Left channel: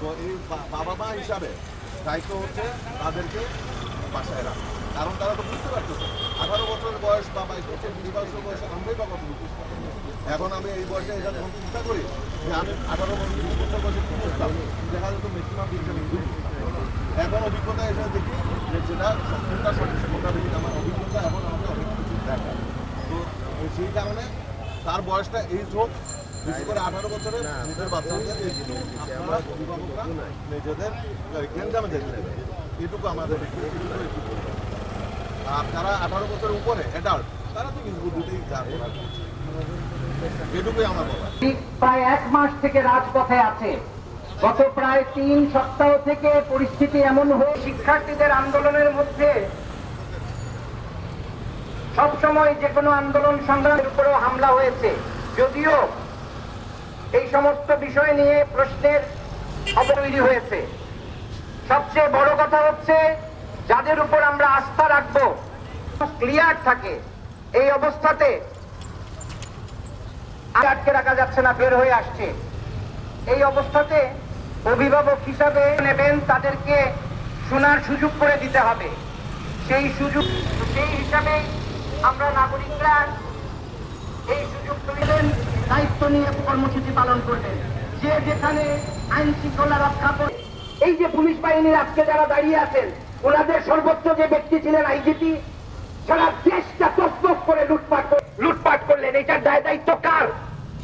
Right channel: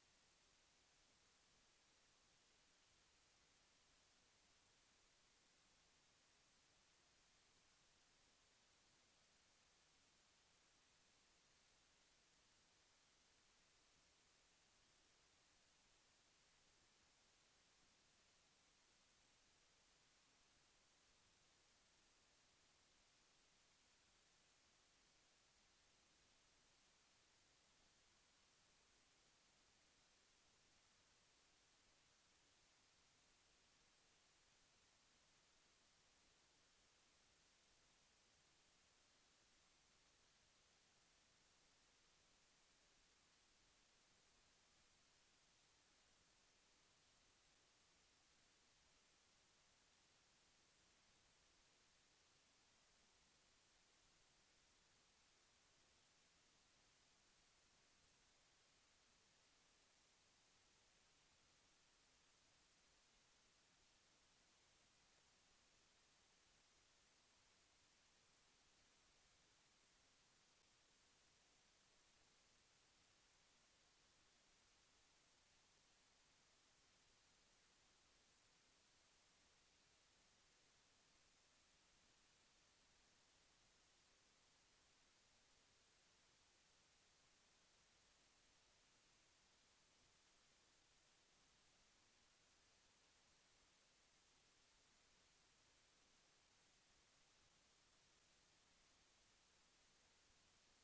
তো এই বাবা মা হিসাবে দায়িত্ব হচ্ছে তাদেরকে বাসায় রাখা। কারণ তারা তো বুঝতে পারতেছে আঠারো বছর বয়স বা বাইশ বছর বিশ বছর বয়সে আমরাই বা কত বুঝতে এখন আমি এই বয়সে এটা যখন চিন্তা করি যে আমি আঠারো বছর, বিশ বছর বয়সে কি বুঝতাম দেখা যেত ম্যাক্সিমাম আমি এখন অভিজ্ঞতা এসে দেখি যে যেটা সত্যতা সঠিক মোটামুটি আমার অভিজ্ঞতা এখন আমাকে অনেক কিছু দেখায়। তো সেই কারণে তার বয়সটা এই হোক বিশেষ করে আঠারো বছরে নিজের বাচ্চাদের আপনারা অভিভাবকরা নিজেদের গেঞ্জামে যেতে দেবে এটুকু আমাদের একটু এটুকু একটু বলতে হবে। আর যারা আঠারো বছরের উপরে অ্যাডাল্ট তারা তো যা এটুকুই আমার বলা প্রায় এক মাস থেকে রাজপথে আছে। গত প্রায় তিন সপ্তাহ থেকে পরিস্থিতি এমন হয়ে শিক্ষার্থীদের আন্দোলনের মধ্যে সবসময় যে কোনো আন্দোলন সংগ্রামের উপরেও হামলা হয়েছে। যদিও এই সমস্ত বিষয় নিয়ে প্রশ্নের অবতৈরি হয়েছে। সবচেয়ে বড় কথা হচ্ছে, যাদের উপর আমরা আস্থা রাখব, ক্লিয়ার থাকে, এই অবস্থাতে আটকে রাখা যাচ্ছে না, বের হয়ে আসছে। এই অবস্থাতে অভিভাবক হিসাবে নেবেন, তাদেরকে শোনার সুযোগ করে দিতে হবে। সেই সুযোগ, সেই হিসাবে আমরা নাগরিকরা এই সুযোগ তুলিলেন দায়িত্ব নিয়ে কর্মসূচি পালন করবেন যে যেখানে আইন শৃঙ্খলা রক্ষা করে এই যে পুলিশ বাহিনীর আজকে যারা দাঁড়িয়ে আছেন, ওনাদের সর্বোচ্চ যে ব্যক্তি ছিলেন আইজিপি, সারা দেশটা তসবস করে লুটপাট লুটপাট করলেন। এটার দায় দায়িত্ব কার?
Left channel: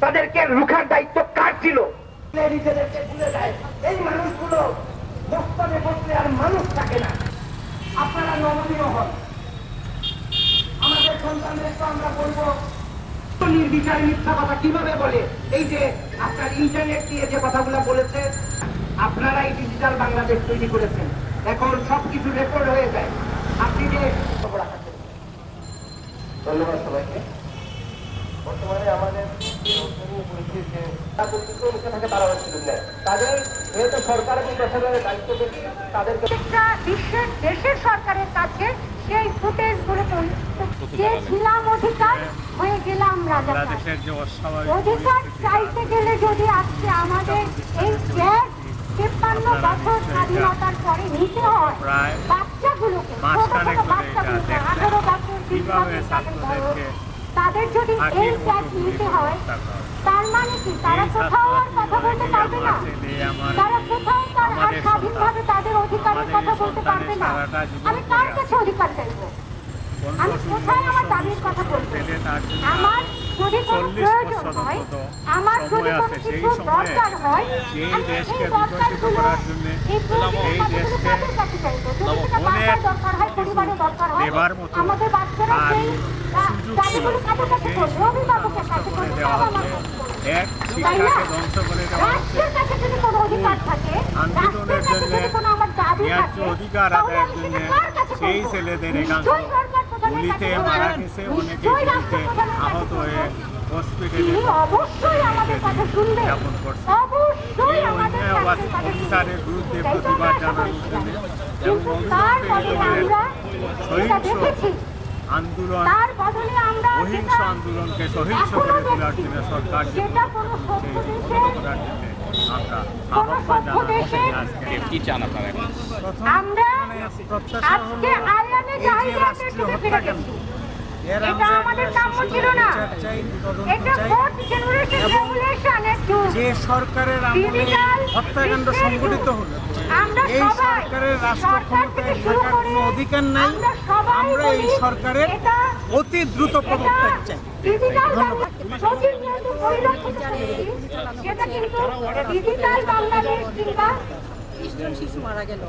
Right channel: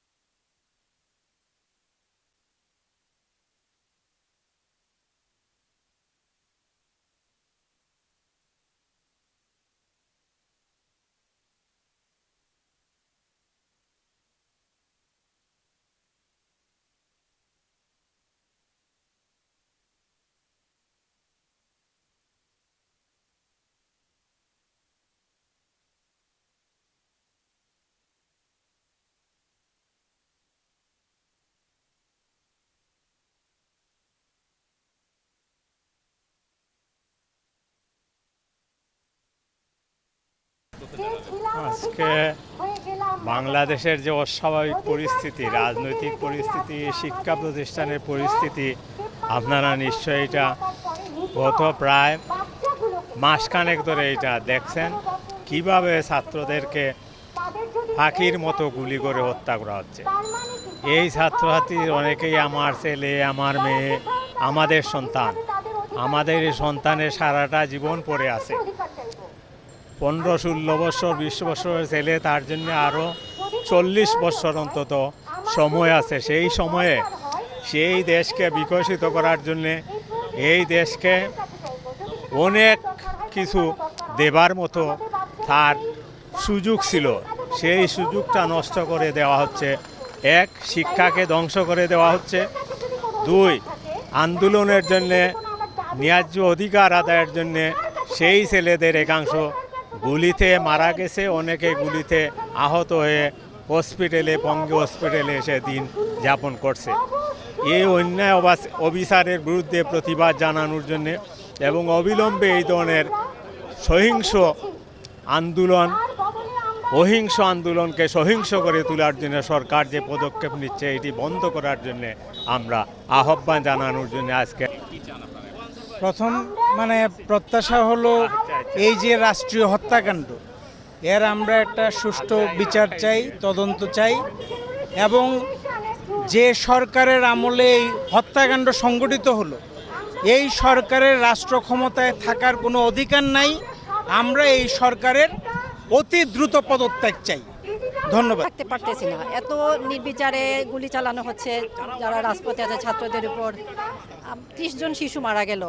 তাদেরকে রুখার দায়িত্ব কার ছিল? নিজেদেরকে ভুলে যায়। এই মানুষগুলো বস্তানে বসলে আর মানুষ থাকে না আপনারা নমনীয় হন আমাদের সন্তানদেরকে আমরা বলব নির্বিচারে মিথ্যা কথা কীভাবে বলে? এই যে আপনার ইন্টারনেট দিয়ে যে কথাগুলো বলেছে আপনারা এই ডিজিটাল বাংলাদেশ তৈরি করেছেন। এখন সবকিছু রেকর্ড হয়ে যায়। আপনি যে ধন্যবাদ সবাইকে। বর্তমানে আমাদের বিশ্বের দেশের সরকারের কাছে সেই ফুটেজগুলো অধিকার হয়ে গেলাম বাংলাদেশের যে অস্বাভাবিক পরিস্থিতি রাজনৈতিক পরিস্থিতি শিক্ষা প্রতিষ্ঠানের পরিস্থিতি আপনারা নিশ্চয়ই এটা গত প্রায় মাসখানেক ধরে এটা দেখছেন। কীভাবে ছাত্রদেরকে পাখির মতো গুলি করে হত্যা করা হচ্ছে। মানে এই ছাত্রছাত্রীদের অনেকেই আমার ছেলে আমার মেয়ে আমাদের সন্তান। আমাদের এই সন্তানের সারাটা জীবন পড়ে আছে? পনেরো, ষোলো বছর, বিশ বছরের ছেলে তার জন্য আরও চল্লিশ বছর অন্তত সময় আছে। সেই সময়ে সেই দেশকে বিকশিত করার জন্য এই দেশকে অনেক কিছু দেবার মতো আর সুযোগ ছিল। সেই সুযোগটা নষ্ট করে দেওয়া হচ্ছে। এক, শিক্ষাকে ধ্বংস করে দেওয়া হচ্ছে। দুই, আন্দোলনের জন্যে ন্যায্য অধিকার আদায়ের জন্যে সেই ছেলেদের একাংশ গুলিতে মারা গেছে, অনেকে গুলিতে আহত হয়ে হসপিটালে, বঙ্গ হসপিটালে এসে দিন যাপন করছে। এই অন্যায় অবিচারের বিরুদ্ধে প্রতিবাদ জানানোর জন্য এবং অবিলম্বে এই ধরনের সহিংস আন্দোলন অহিংস আন্দোলনকে সহিংস করে তোলার জন্য সরকার যে পদক্ষেপ নিচ্ছে এটি বন্ধ করার জন্য আমরা আহ্বান জানানোর জন্য আজকে প্রথম মানে প্রত্যাশা হলো এই যে রাষ্ট্রীয় হত্যাকাণ্ড। এর আমরা একটা সুষ্ঠু বিচার চাই, তদন্ত চাই এবং যে সরকারের আমলে এই হত্যাকাণ্ড সংগঠিত হলো, এই সরকারের রাষ্ট্র ক্ষমতায় থাকার কোনো অধিকার নাই। আমরা এই সরকারের অতি দ্রুত পদত্যাগ চাই। ধন্যবাদ। এত নির্বিচারে গুলি চালানো হচ্ছে ত্রিশ জন শিশু মারা গেল।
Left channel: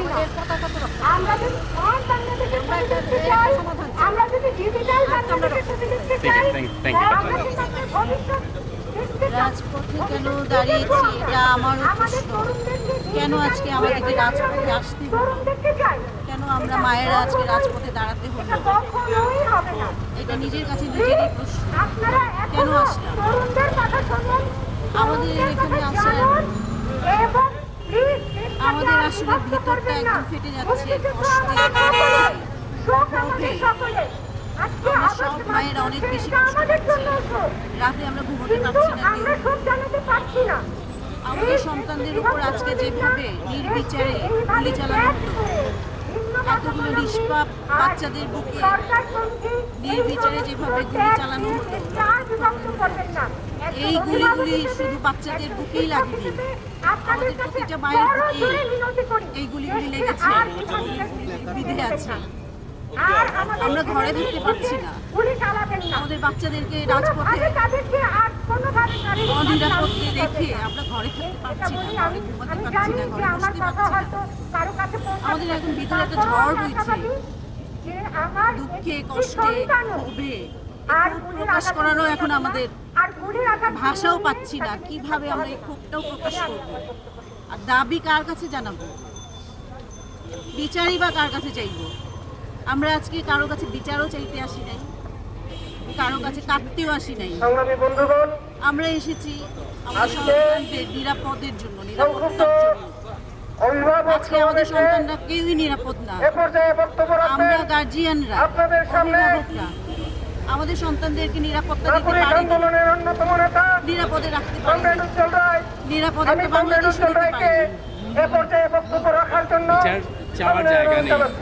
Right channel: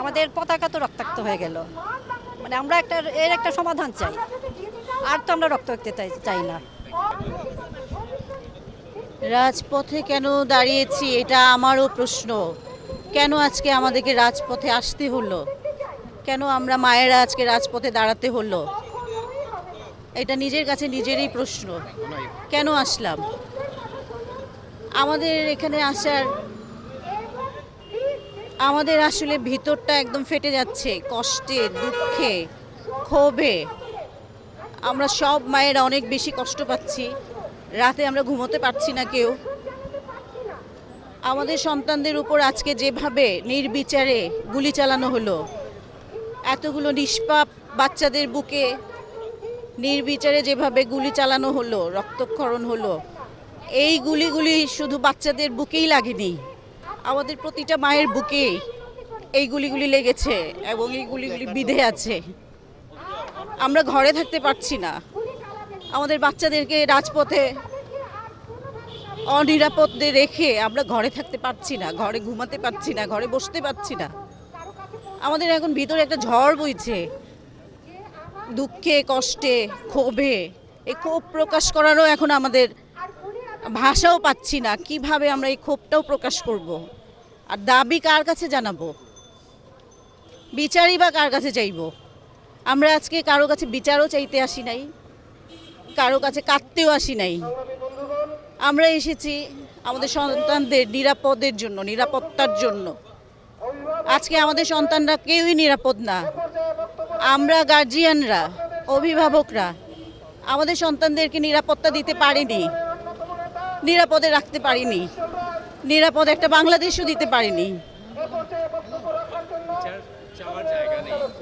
আমাদের পতাকা তো রক্তাক্ত হয়ে গেল। আমরা একটা এর একটা সমাধান চাই। আর তো আমরা রক্তাক্ত চাই। চাই রাজপথে কেন দাঁড়িয়েছি এটা আমারও প্রশ্ন। কেন আজকে আমাদেরকে রাজপথে আসতে হলো? কেন আমরা মায়েরা আজকে রাজপথে দাঁড়াতে হলো? এটা নিজের কাছে নিজেরই প্রশ্ন। কেন আসলাম? আমাদের এখানে আসার আমাদের আসলে ভিতরটা একদম ফেটে যাচ্ছে, কষ্টে, দুঃখে, ক্ষোভে। আমরা সব মায়েরা অনেক বেশি কষ্ট পাচ্ছি। রাতে আমরা ঘুমোতে পারছি না কেউ। আমাদের সন্তানদের উপর আজকে যেভাবে নির্বিচারে গুলি চালানো হলো, এতগুলো নিষ্পাপ বাচ্চাদের বুকে নির্বিচারে যেভাবে গুলি চালানো হলো, রক্তক্ষরণ হলো, এই গুলিগুলি শুধু বাচ্চাদের বুকেই লাগেনি। আমাদের প্রতিটা মায়ের বুকে এই গুলিগুলি লেগেছে এবং এই গুলিগুলি বিধে আছে। আমরা ঘরে থাকতে পারছি না। আমাদের বাচ্চাদেরকে রাজপথে অনিরাপদে রেখে আমরা ঘরে থাকতে পারছি না, ঘরে ঘুমাতে পারছি না, ঘরে বসতে পারছি না। আমাদের এখন ভিতরে একটা ঝড় বইছে। দুঃখে, কষ্টে, ক্ষোভে ক্ষোভ প্রকাশ করারও এখন আমাদের ভাষাও পাচ্ছি না কীভাবে আমরা এই ক্ষোভটাও প্রকাশ করব? আর দাবি কার কাছে জানাব? বিচারই বা কার কাছে চাইব? আমরা আজকে কারও কাছে বিচারও চাইতে আসি নাই কারও কাছে কাঁদতেও আসি নাই। আমরা এসেছি আমাদের সন্তানদের নিরাপদের জন্য নিরাপত্তার জন্য। আজকে আমাদের সন্তানরা কেউই নিরাপদ না। আমরা গার্জিয়ানরা অভিভাবকরা। আমাদের সন্তানদেরকে নিরাপত্তা দিতে পারিনি। নিরাপদে রাখতে পারিনি। রায়। একটা বাংলাদেশও দিতে পারিনি।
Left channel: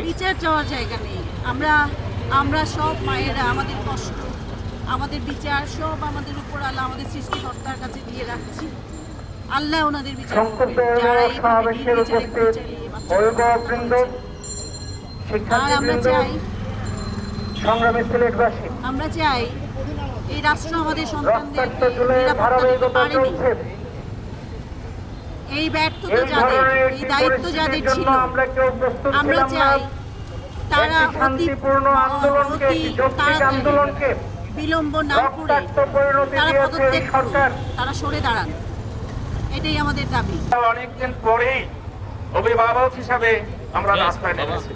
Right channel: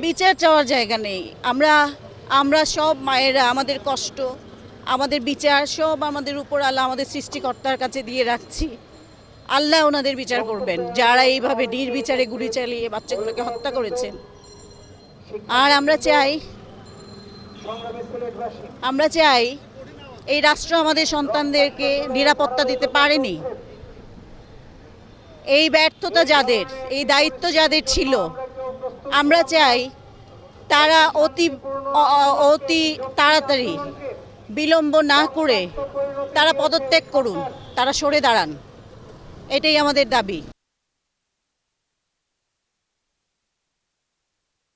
বিচার চাওয়ার জায়গা নেই। আমরা আমরা সব মায়েরা আমাদের কষ্ট আমাদের বিচার সব আমাদের উপর আল্লাহ আমাদের সৃষ্টিকর্তার কাছে দিয়ে রাখছি। আল্লাহ ওনাদের বিচার করবেন। যারা এইভাবে নির্বিচারে গুলি চালিয়ে বাচ্চাদেরকে হত্যা করেছেন আর আমরা চাই আমরা চাই এই রাষ্ট্র আমাদের সন্তানদেরকে নিরাপত্তা দিতে পারেনি। এই ব্যর্থতা যাদের এই দায়িত্ব যাদের ছিল আমরা চাই তারা অতি অতি তাড়াতাড়ি বিলম্ব না করে তারা পদত্যাগ করুন তারা সরে দাঁড়ান। এটাই আমাদের দাবি। অনেকদিন পরেই অভিভাবক হিসাবে আমরা রাস্তায় নেমেছি।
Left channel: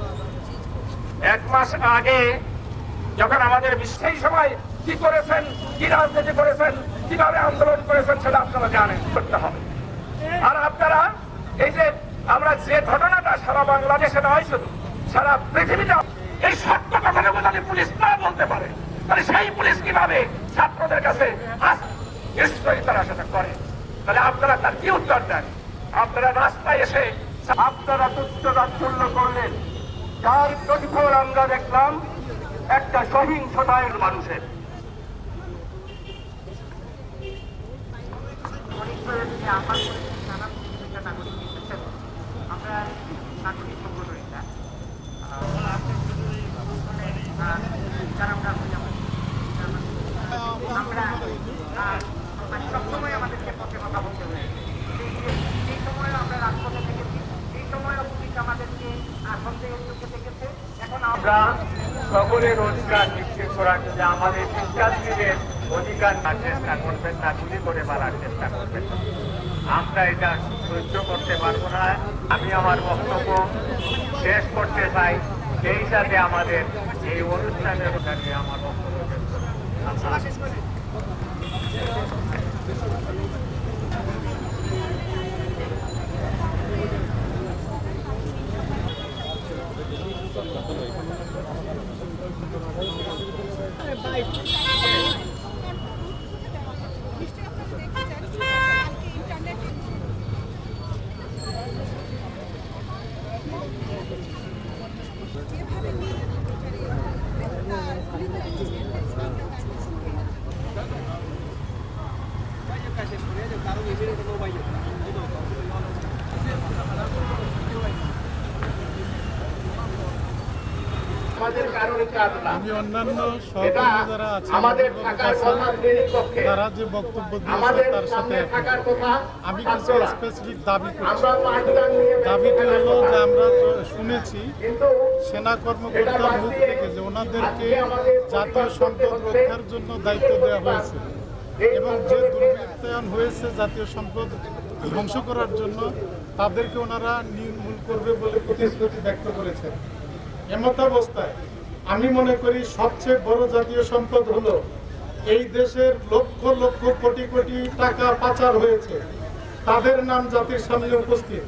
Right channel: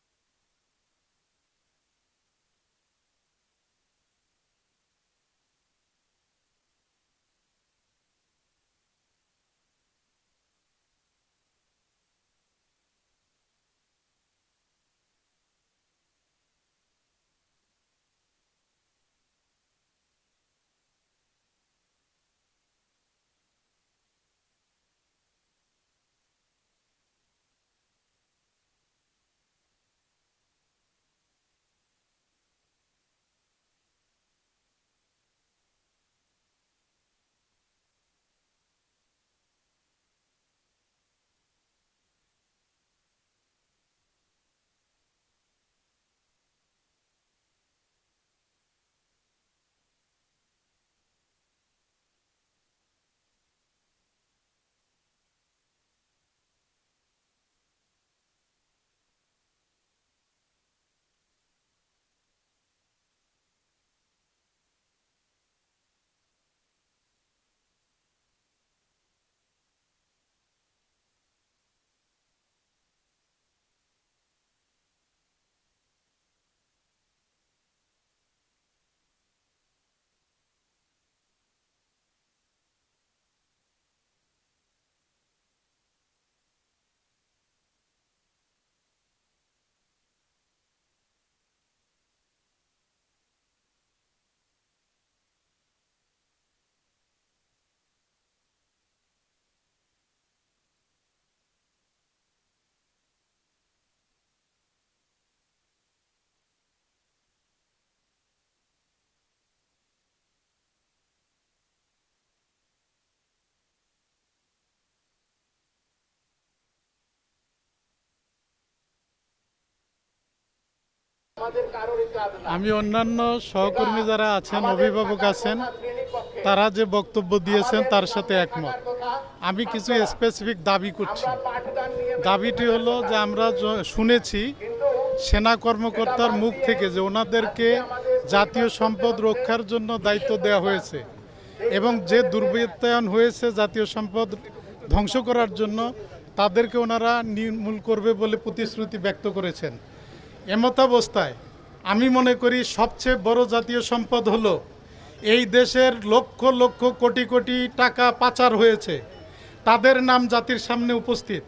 এক মাস আগে যখন আমাদের সেই সময় কি করেছেন, কি রাজনীতি করেছেন, কীভাবে আন্দোলন করেছেন সেটা আপনারা জানেন, করতে হবে। আর আপনারা, এই যে আমরা যে ঘটনাটা সারা বাংলাদেশে নয় শুধু, সারা পৃথিবীতে, এই সত্য কথাটুকু যদি পুলিশ না বলতে পারে। তাহলে সেই পুলিশ কীভাবে ছাত্রদের কাছে নিশ্চয়ই তারা সেটা করে। তাহলে আপনারা তার কি উত্তর দেন? আপনারা রাস্তায় এসে আপনারা তুচ্ছ তাচ্ছল্য করলেন। যার প্রতিফল আমরা দেখলাম একটা সহিংসতায় মানুষের। আমরা সকলের অধিকার নিশ্চিত করার জন্য আমাদের শিক্ষার্থীদের অধিকার না চেষ্টা করবেন না, গুলি করে মারার চেষ্টা করবেন আমরা এটা সহ্য করতে পারব না। আমি আমার বক্তব্য শেষ করতে চাই। সেই সাথে আমাদের এই অনুষ্ঠানের আমার বক্তব্য শেষ করছি। আমি অন্যান্য সহকর্মী যারা আছেন অভিভাবক আছেন তারা যে বক্তব্য দিয়েছেন তার সাথে একমত। আমি কিছু স্পেসিফিক দাবি করছি। দাবিটি হলো যে আমরা শুনেছি সেনা কর্মকর্তার মুখ থেকে যে ওনাদেরকে জাতীয় সম্পদ রক্ষার জন্য দায়িত্ব দেওয়া হয়েছে। এবং যে দুর্বৃত্তায়ন হয়েছে জাতীয় সম্পদ ধ্বংস করার জন্য তাদেরকে ওনারা নির্মূল করবে বলে প্রতিশ্রুতি ব্যক্ত করেছেন। এমতাবস্থায় আমি মনে করি সবচেয়ে বড় জাতীয় সম্পদ হলো এই দেশের লক্ষ লক্ষ কোটি কোটি টাকা পাচার হয়েছে। তাদের নাম জাতির সামনে উপস্থিত।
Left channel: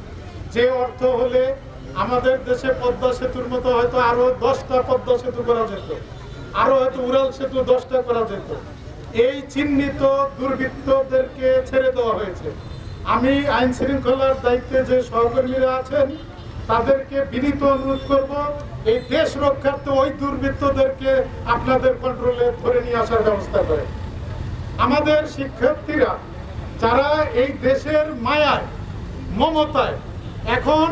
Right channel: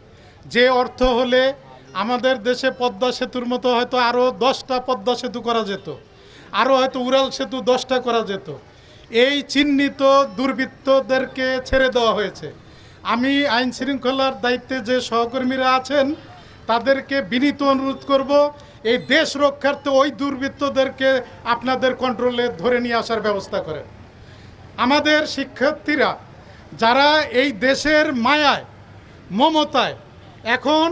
যে অর্থ হলে আমাদের দেশে পদ্মা সেতুর মতো হয়তো আরও দশটা পদ্মা সেতু করা যেত আরও হয়তো উড়াল সেতু দশটা করা যেত। এই চিহ্নিত দুর্বৃত্তদেরকে ছেড়ে দেওয়া হয়েছে। আমি আইন শৃঙ্খলার দায়িত্বে যে সহকর্মীরা আছেন, তাদেরকে বিনীত অনুরোধ করব এই দেশ রক্ষার্থে ওই দুর্বৃত্তদেরকে আপনাদের কন্ট্রোলে ধরে নিয়ে আসার ব্যবস্থা করেন আমাদের শিক্ষার্থীরা যারা এই দেশের মায়ায়, মমতায় এখন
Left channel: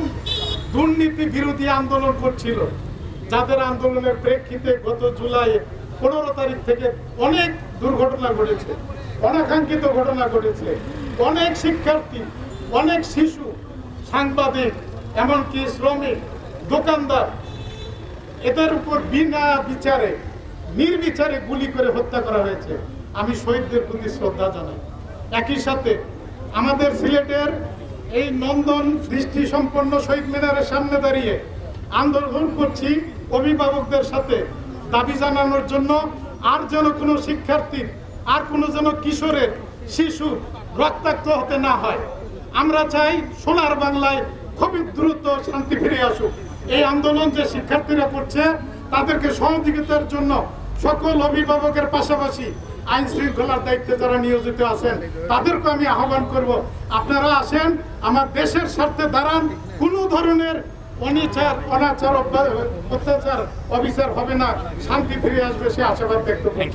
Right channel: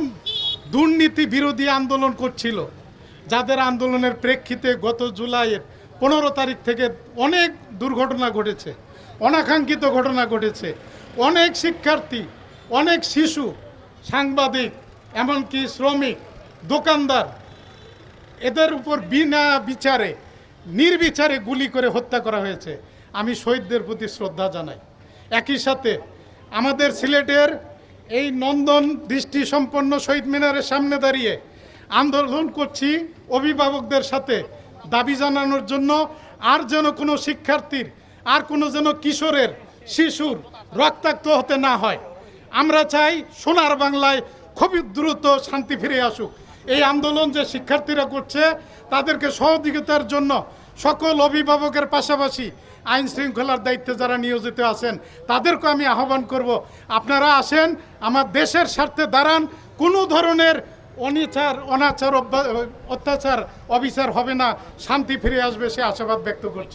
দুর্নীতি বিরোধী আন্দোলন করছিল, যাদের আন্দোলনের প্রেক্ষিতে গত জুলাই পনেরো তারিখ থেকে অনেক দুর্ঘটনা ঘটেছে, অনাকাঙ্ক্ষিত ঘটনা ঘটেছে। অনেক শিক্ষার্থী, অনেক শিশু, সাংবাদিক, এমনকি শ্রমিক, দোকানদার এদের উপর বিনা বিচারে, নির্বিচারে গুলি করে হত্যা করা হয়েছে। আমি শহীদদের প্রতি শ্রদ্ধা জানাই। একই সাথে আমাদের সিলেটের এই নন্দন দৃষ্টি সম্পন্ন শহীদ মিনারের সামনে দাঁড়িয়ে আন্দোলন করছি অভিভাবকদের সাথে। দাবি জানানোর জন্য আর যেন কোনো শিক্ষার্থীর, আর কোনো যেন কিশোরের, শিশুর রক্তাক্ত হতে না হয়। আমরা চাই সোনার বাংলায় খুবই দ্রুত শান্তি ফিরে আসুক। এই আন্দোলন যে শিক্ষার্থীরা করছে, তাদেরকে সহযোগিতার জন্য সকল অভিভাবকের পাশাপাশি আইন শৃঙ্খলার দায়িত্বে যারা নিয়োজিত আছেন, তাদেরকে আমি আহ্বান করব। আপনারা আসেন, আমার দেশের স্বার্থে দাঁড়ান, কোনো ধরনের অনিচার, অনাচার অত্যাচার, অবিচার হবে না, শান্তি ফিরে আসবে, সে আশাবাদ ব্যক্ত করছি।